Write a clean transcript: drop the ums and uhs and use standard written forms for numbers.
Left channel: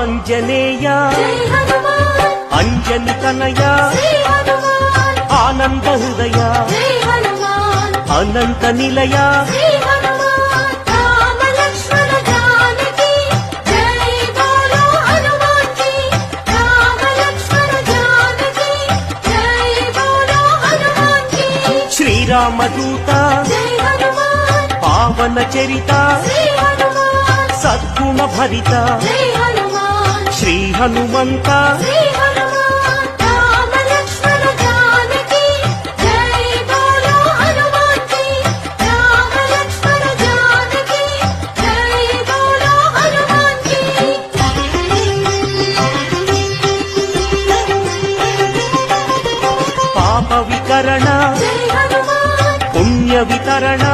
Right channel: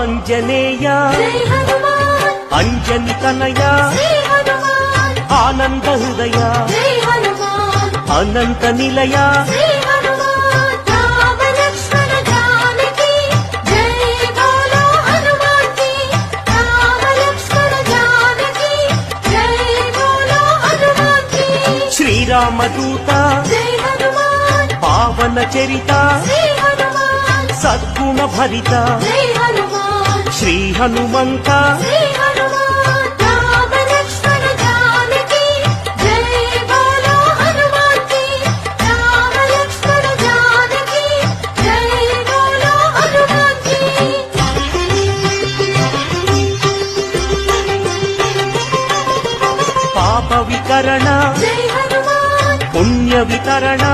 ఆంజనేయ అంజని తనయ ఆనంద హృదయ అనంత నిలయ శ్రీరామదూత పావన చరిత సద్గుణ భరిత శ్రీ హనుమంత పాప వికరణ పుణ్య వితరణ